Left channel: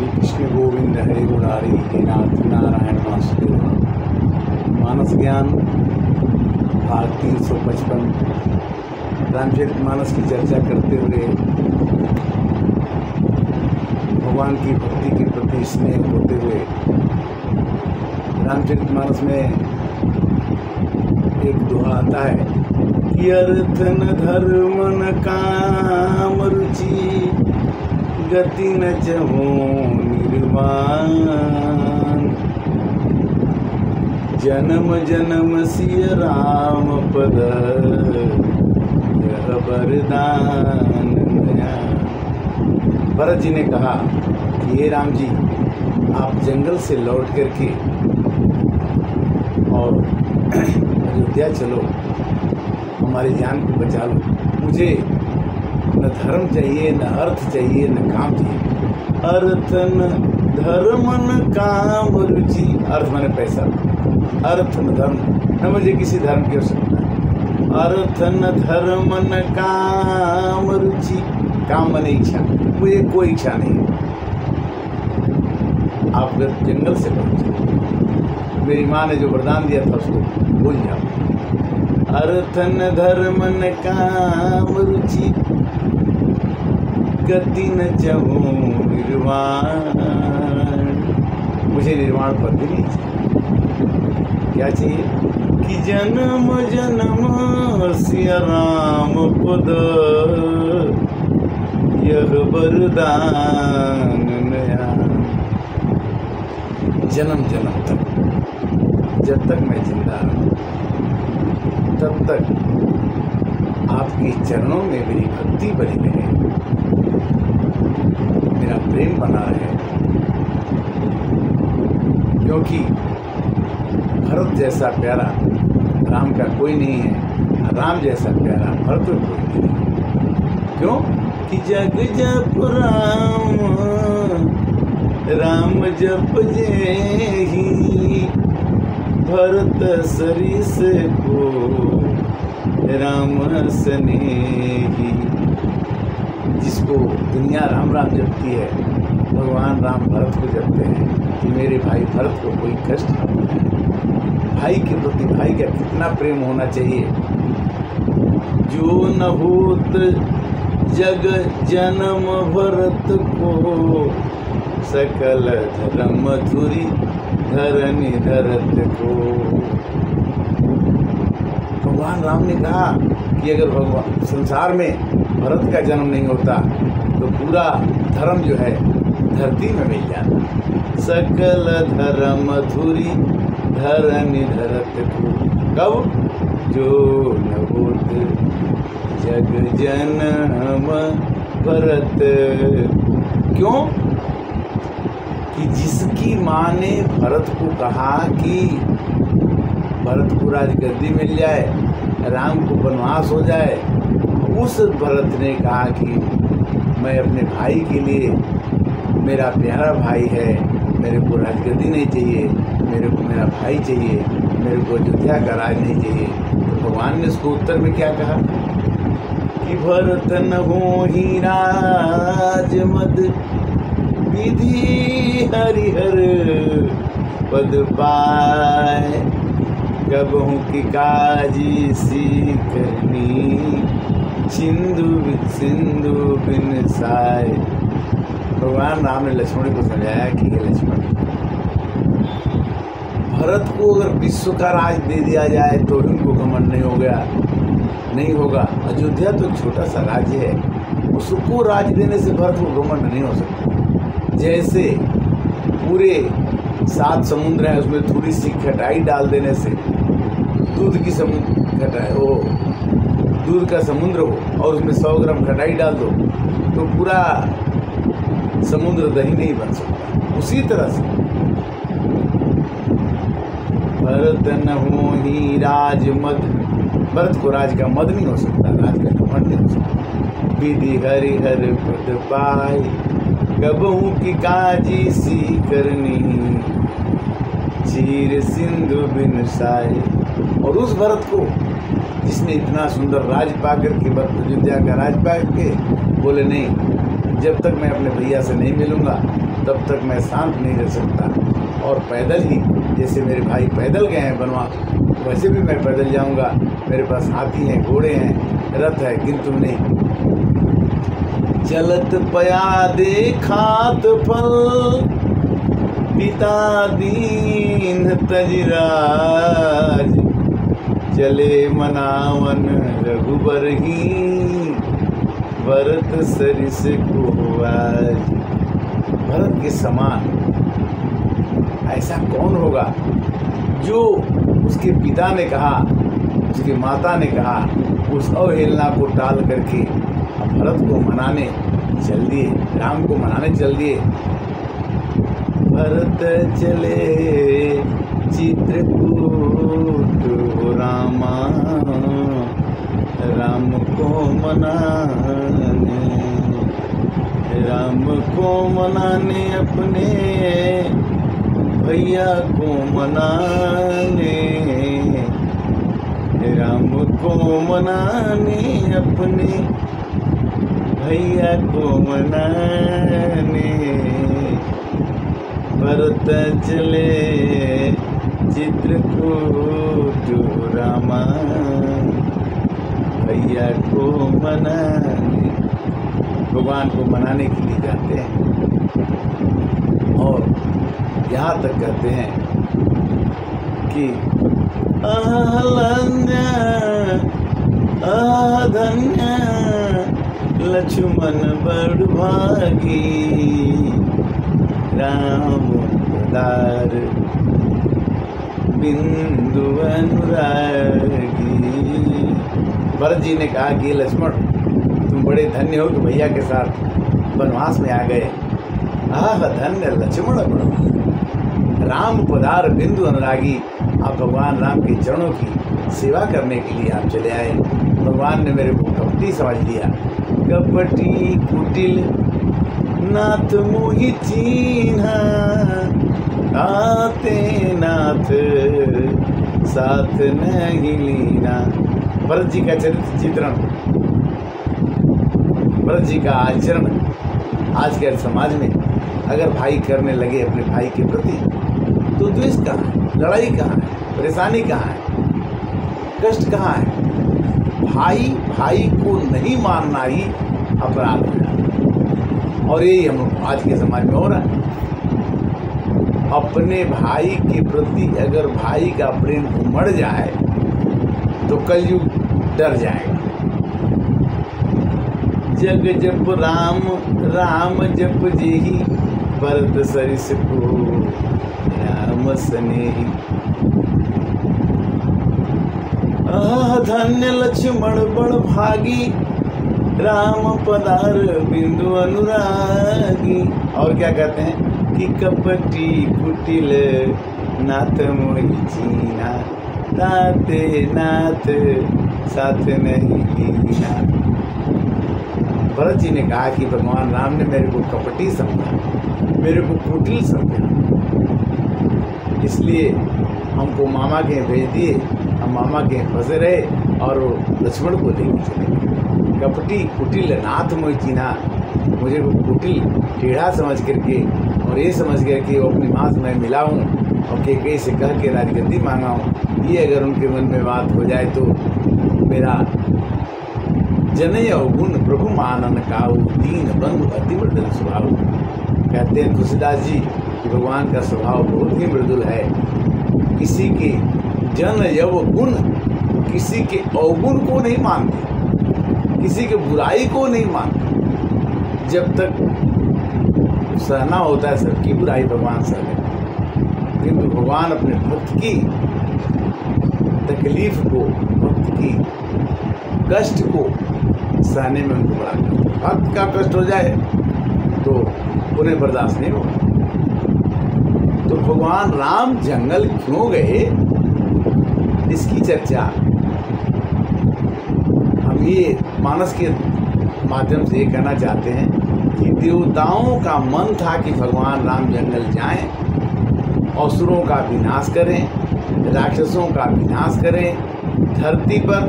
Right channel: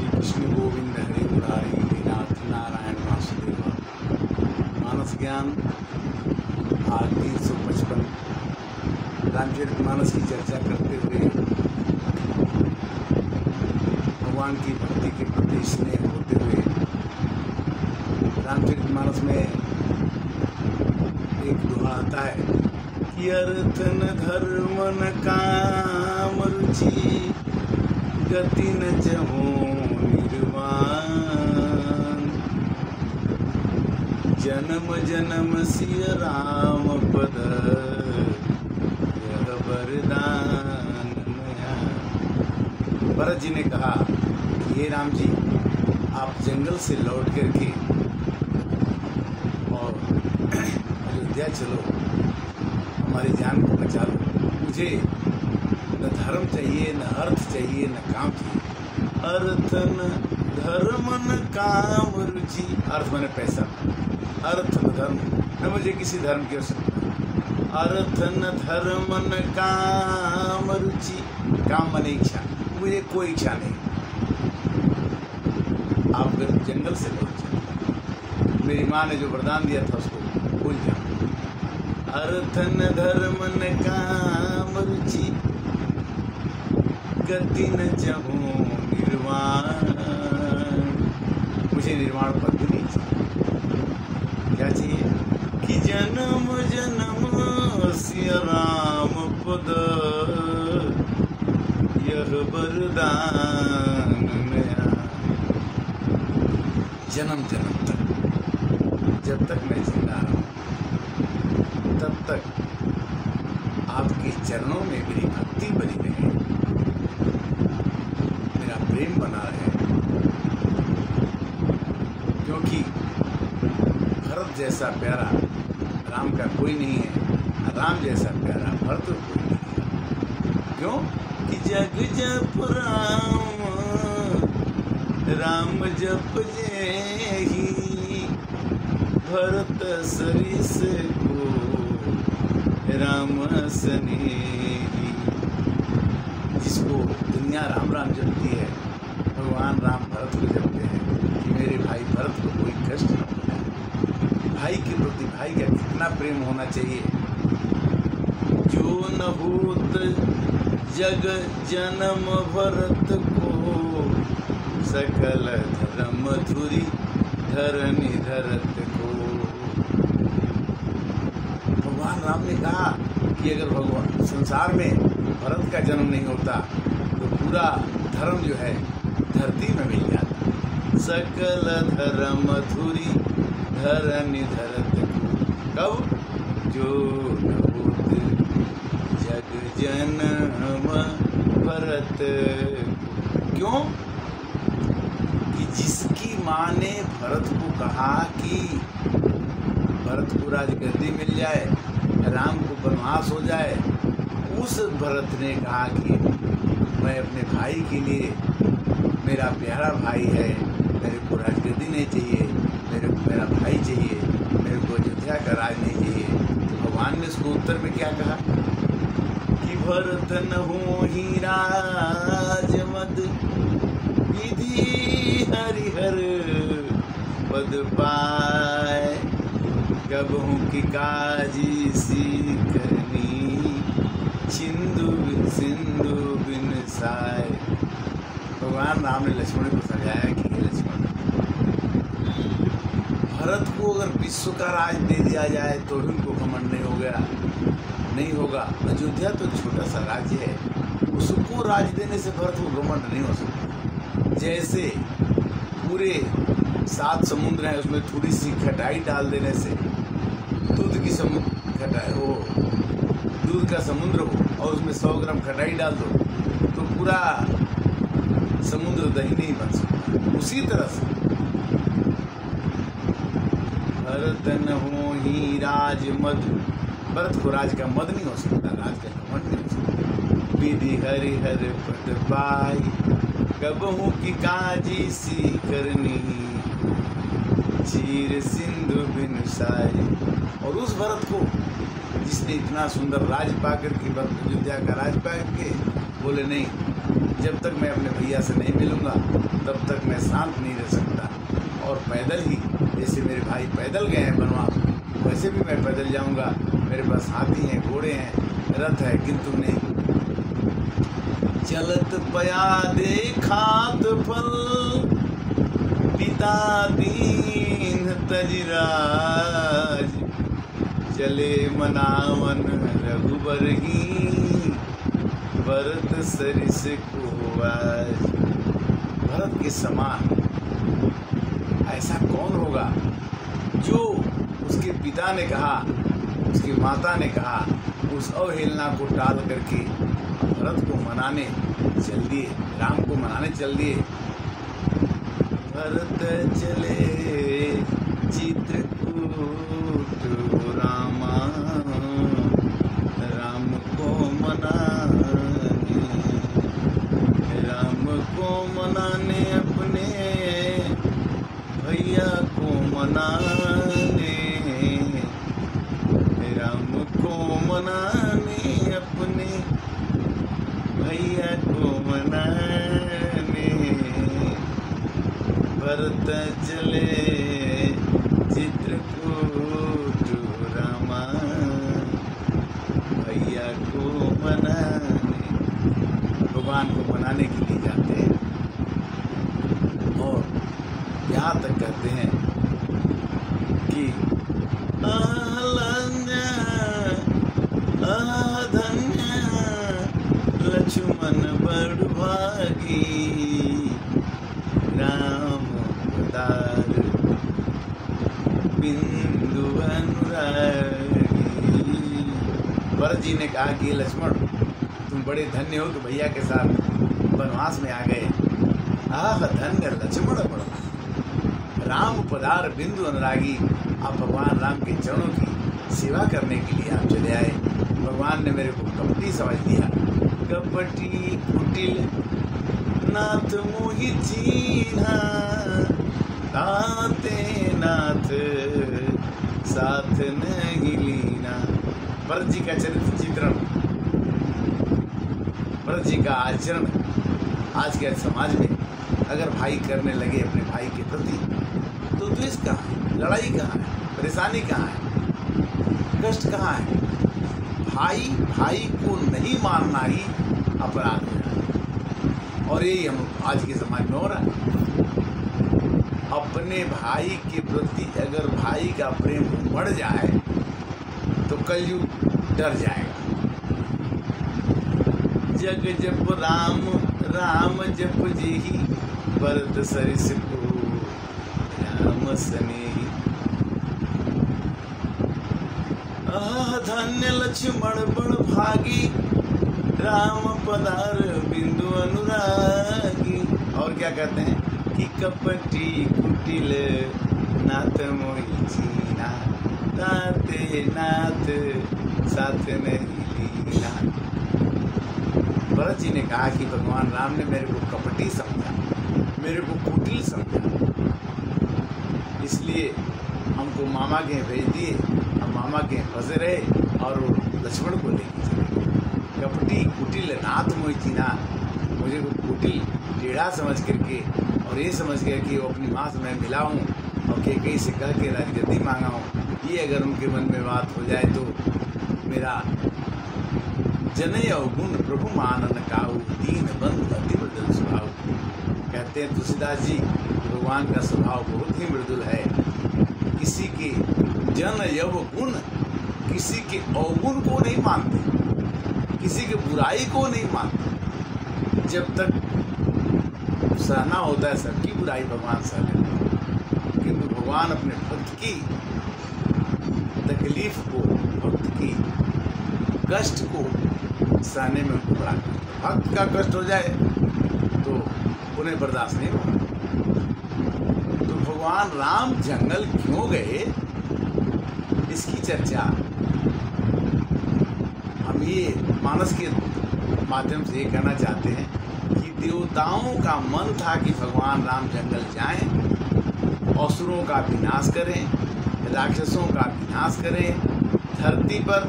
श्री कृष्ण गोविंद हरे मुरारी हे नाथ नारायण वासुदेव। मानस ज्ञान भाग 355 रामचरितमानस की चर्चा करते हुए भगवान की भक्ति के प्रति स्नेह होते हुए रामचरितमानस में एक दोहा आता है कि अर्थन धर्मन काम रुचि गति न चहु निर्वाण। जन्म जन्म सिय राम पद यह वरदान। भरत जी ने कहा कि ये राम जी, आप जंगल से लौट करके और अयोध्या चलो, हमारी जान को बचा लो। मुझे न धर्म चाहिए, न अर्थ चाहिए, न काम चाहिए। अर्थ न धर्म न काम रुचि। अर्थ माने पैसा, अर्थ न धर्म, न मुझे किसी धर्म की आवश्यकता। अर्थ न धर्म न काम रुचि। काम माने इच्छा, मुझे कोई इच्छा नहीं। आप अगर जंगल से लौट जाओ, मेरी माँ ने जो वरदान दिया था उसको भूल जाओ। अर्थ न धर्म न काम रुचि गति न चहु निर्वाण। मुझे निर्वाण पद भी नहीं चाहिए। क्या चाहिए कि जन्म जन्म सिया राम पद यह वरदान नया। जन्म जन्म तक, जब तक मैं जिंदा रहूं तब तक आपके चरणों में मेरी भक्ति बनी रहे, मेरा प्रेम बना रहे। क्योंकि भरत जैसा प्यारा राम का कोई नहीं है, राम जैसा प्यारा भरत कोई नहीं है। क्यों कि जग जप राम राम जप जेहि भरत सरिस को राम स्नेही। जिसको दुनिया राम राम जपती है, भगवान राम भरत को जपते हैं कि मेरे भाई भरत को कोई कष्ट न हो। भाई के प्रति भाई का कितना प्रेम होना चाहिए। जो न होत जग जन्म भरत को सकल धर्म धुरी धरनी धरत को। भगवान राम ने कहा कि अगर भगवान संसार में भरत का जन्म नहीं होता तो पूरा धर्म जो है धरती में मिल जाता। सकल धर्म धुरी धरनी धरत को। कब? जो न होत जग जन्म भरत। क्यों? कि जिसकी माँ ने भरत को कहा कि भरत को राजगद्दी मिल जाए, राम को वनवास हो जाए, उस भरत ने कहा कि मैं अपने भाई के लिए, मेरा प्यारा भाई है, मेरे को राजगद्दी नहीं चाहिए, मेरे को मेरा भाई चाहिए, मेरे को अयोध्या का राज नहीं चाहिए। तो भगवान ने उसको उत्तर में क्या कहा कि भरत न होहि राज मद विधि हरिहर पद पाए। कबहू की काजी सी करनी सिंधु सिंधु बिन साय। भगवान राम ने लक्ष्मण को समझाया कि ये लक्ष्मण, भरत को अगर विश्व का राज दे दिया जाए तो उनको घमंड नहीं हो गया, नहीं होगा। अयोध्या तो छोटा सा राज्य है, उसको राज देने से भरत को घमंड नहीं हो सकता। जैसे पूरे 7 समुद्र हैं, उसमें थोड़ी सी खटाई डाल देने से दूध की खटाई, वो दूध का समुद्र हो और उसमें 100 ग्राम खटाई डाल दो तो पूरा समुद्र दही नहीं बन सकता। उसी तरह से भरत न होहि राज मद। भरत को राज का मद नहीं हो सकता, राज का घमंड नहीं हो सकता। विधि हरिहर पद पाई कबहू की काजी सी करनी चीर सिंधु बिन साए। और उस भरत को जिसने इतना सुंदर राज पा करके, अयोध्या का राज पा के बोले नहीं, जब तक मैं अपने भैया से नहीं मिलूँगा तब तक मैं शांत नहीं रह सकता। और पैदल ही, जैसे मेरे भाई पैदल गए हैं बनवास, वैसे भी मैं पैदल जाऊँगा। मेरे पास हाथी हैं, घोड़े हैं, रथ है, किंतु नहीं। चलत पया देखात फल, पिता दीन तजराज, चले मनावन रघुबर ही, भरत सरिस को आज। भरत के समान ऐसा कौन होगा जो उसके पिता ने कहा, उसकी माता ने कहा, उस अवहेलना को टाल करके भरत को मनाने चल दिए, राम को मनाने चल दिए। भरत चले चित्रकूट रामा, राम को मनाने, राम को मनाने, अपने भैया को मनाने, राम को मनाने, अपने भैया को मनाने। भरत चले चित्रकूट रामा, भैया को मनाने। भगवान को मनाने के लिए जाते हैं और यहाँ तक कहते हैं कि धन्य लक्ष्मण बड़ भागी, राम दार बिंदु अनुरागी। भरत जी ने कहा कि लक्ष्मण, तुम बड़े धन्य हो कि भैया के साथ वनवास में आ गए। धन्य लक्ष्मण बड़, राम पधार बिंदु अनुरागी। आप भगवान राम के चरणों की सेवा करने के लिए आप चले आए। भगवान ने मेरे को कपटी समझ लिया। कपटी कुटिल नाथ मोहि चीन्हा, आते नाथ साथ नहीं लीना। भरत जी का चरित्र चित्रण, भरत जी का आचरण आज के समाज में अगर भाई करने लगे अपने भाई के प्रति, तो द्वेष कहाँ है, लड़ाई कहाँ है, परेशानी कहाँ है, कष्ट कहाँ है? भाई भाई को नहीं मानना ही अपराध है। और यही हम आज के समाज में हो रहा है। अपने भाई के प्रति अगर भाई का प्रेम उमड़ जाए तो कलयुग डर जाएगा। जग जप राम राम जप जेहि, भरत सरिस को राम स्नेही। धन्य लक्ष्मण बड़ भागी, राम पधार बिंदु अनुरागी। और क्या कहते हैं कि कपटी कुटिल नाथ मोहि चीन्हा, ताते नाथ साथ नहीं लीना। भरत जी ने कहा कि भगवान राम ने मेरे को कपटी समझा, मेरे को कुटिल समझा, इसलिए हमको मामा के भेज दिए। हम मामा के फंसे रहे और लक्ष्मण को लेकर चले। कपटी कुटिल नाथ मोहि चीन्हा, मुझे वो कुटिल टेढ़ा समझ करके और ये समझ करके वो अपनी माँ से मैं मिला हूँ और कैकेयी से कह के राजगद्दी मांगा हूँ। ये अगर उनके मन में बात हो जाए तो मेरा जनय अवगुण प्रभु मानन काऊ, दीन बंधु अति मृदुल स्वभाव। कहते हैं तुलसीदास जी कि भगवान का स्वभाव बहुत ही मृदुल है। किसी के जन यव गुण, किसी के अवगुण को नहीं मानते, किसी के बुराई को नहीं मानते। जब तक सहना होता है सबकी बुराई भगवान सह लेते हैं, किंतु भगवान अपने भक्त की तकलीफ को, भक्त की कष्ट को सहने में उनको बड़ा करते हैं। भक्त का कष्ट हो जाए तो उन्हें बर्दाश्त नहीं होगा। तो भगवान राम जंगल क्यों गए, इसकी चर्चा हम ये मानस के माध्यम से ये कहना चाहते हैं कि देवताओं का मन था कि भगवान राम जंगल जाएं, असुरों का विनाश करें, राक्षसों का विनाश करें, धरती पर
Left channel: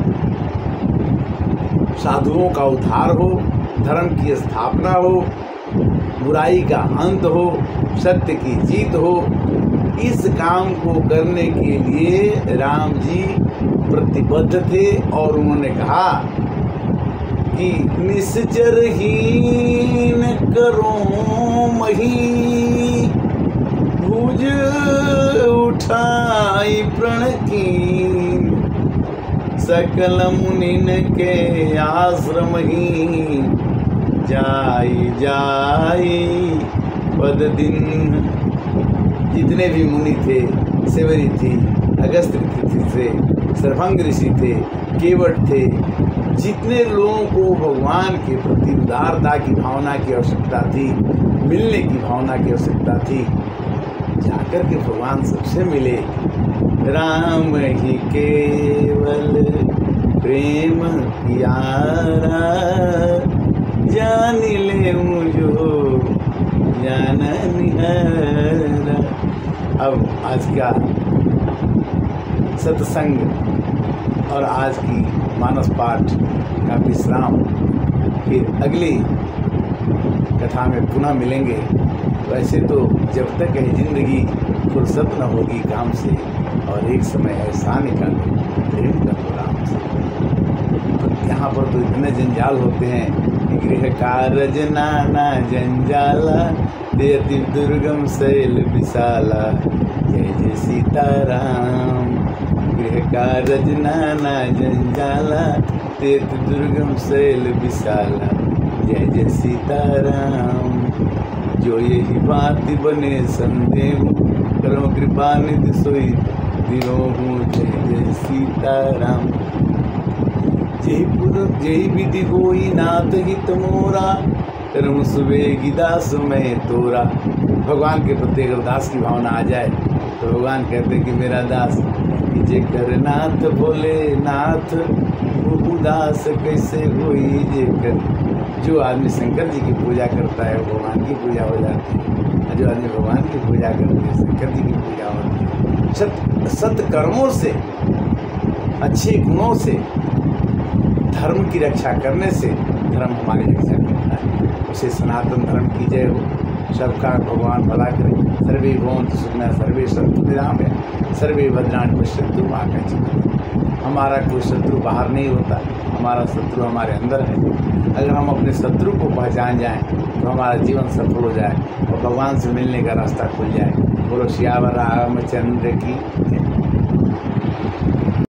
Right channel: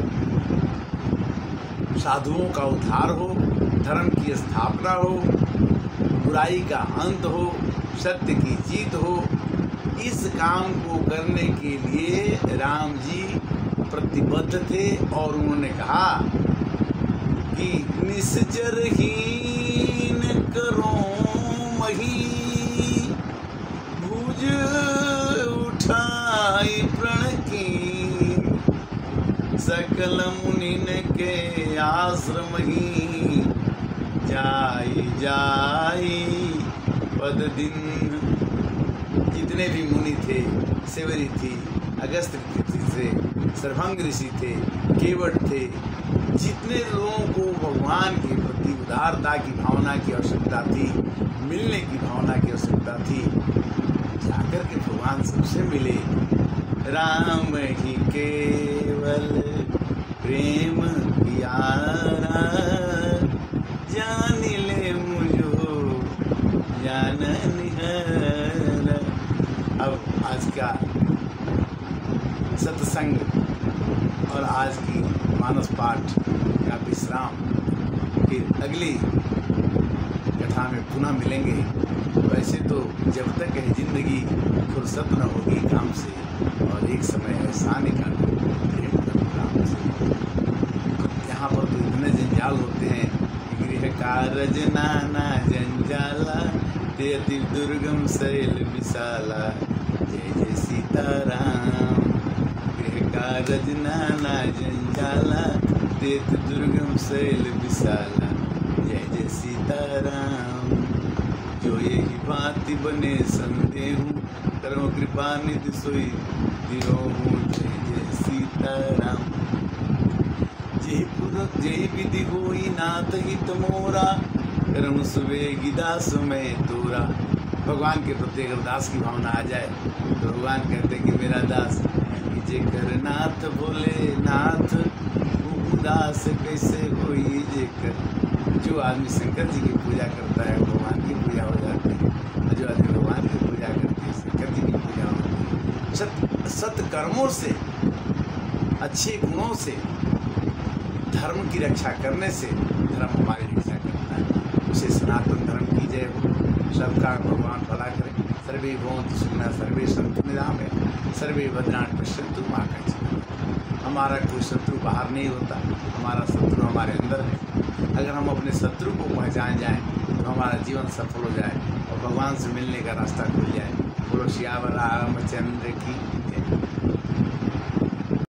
साधुओं का उद्धार हो, धर्म की स्थापना हो, बुराई का अंत हो, सत्य की जीत हो। इस काम को करने के लिए राम जी प्रतिबद्ध थे और उन्होंने कहा कि निश्चरहीन करो मही, भुज उठाई प्रण कीन, सकल मुनिन के आश्रम ही, जाई जाई पद दिन। जितने भी मुनि थे, सेवरी थी, अगस्त्य ऋषि थे, सर्वभंग ऋषि थे, केवट थे, जितने लोगों को भगवान के प्रति उदारता की भावना की आवश्यकता थी, मिलने की भावना की आवश्यकता थी, जाकर के भगवान सबसे मिले। राम ही केवल प्रेम प्यारा, जान ले मुझो जान निहारा। अब आज का सत्संग और आज की मानस पाठ का विश्राम, फिर अगली कथा में पुनः मिलेंगे। वैसे तो जब तक है जिंदगी फुर्सत न होगी काम से, और एक समय ऐसा निकालो प्रेम करो राम से। यहाँ पर तो इतने जंजाल होते हैं कि गृह कारज नाना जंजाला, देति दुर्गम शैल विशाला, जय जय सीताराम। गृह कारज नाना जंजाला, देति दुर्गम शैल विशाला, जय जय सीताराम। जो यही बात बने संदेह, करो कृपा निधि सोई दिरोहूँ, जय जय सीताराम। जय विधि होई नाथ हित मोरा, करम सुबेगी दास में तोरा। भगवान के प्रति अगर दास की भावना आ जाए तो भगवान कहते कि मेरा दास जेकर नाथ बोले नाथ, वो उदास कैसे होई जेकर। जो आदमी शंकर जी की पूजा करता है वो भगवान की पूजा हो जाती है, जो आदमी भगवान की पूजा करते हैं शंकर जी की पूजा होती है। सत कर्मों से, अच्छे गुणों से, धर्म की रक्षा करने से धर्म हमारी रक्षा करता है। उसे सनातन धर्म की जय हो। सबका भगवान भला करे। सर्वे भवन्तु सुखिनः, सर्वे सन्तु निरामयाः, सर्वे भद्राणि पश्यन्तु मां कश्चित्। हमारा कोई शत्रु बाहर नहीं होता, हमारा शत्रु हमारे अंदर है। अगर हम अपने शत्रु को पहचान जाएं तो हमारा जीवन सफल हो जाए और भगवान से मिलने का रास्ता खुल जाए। बोलो सियावर रामचंद्र की।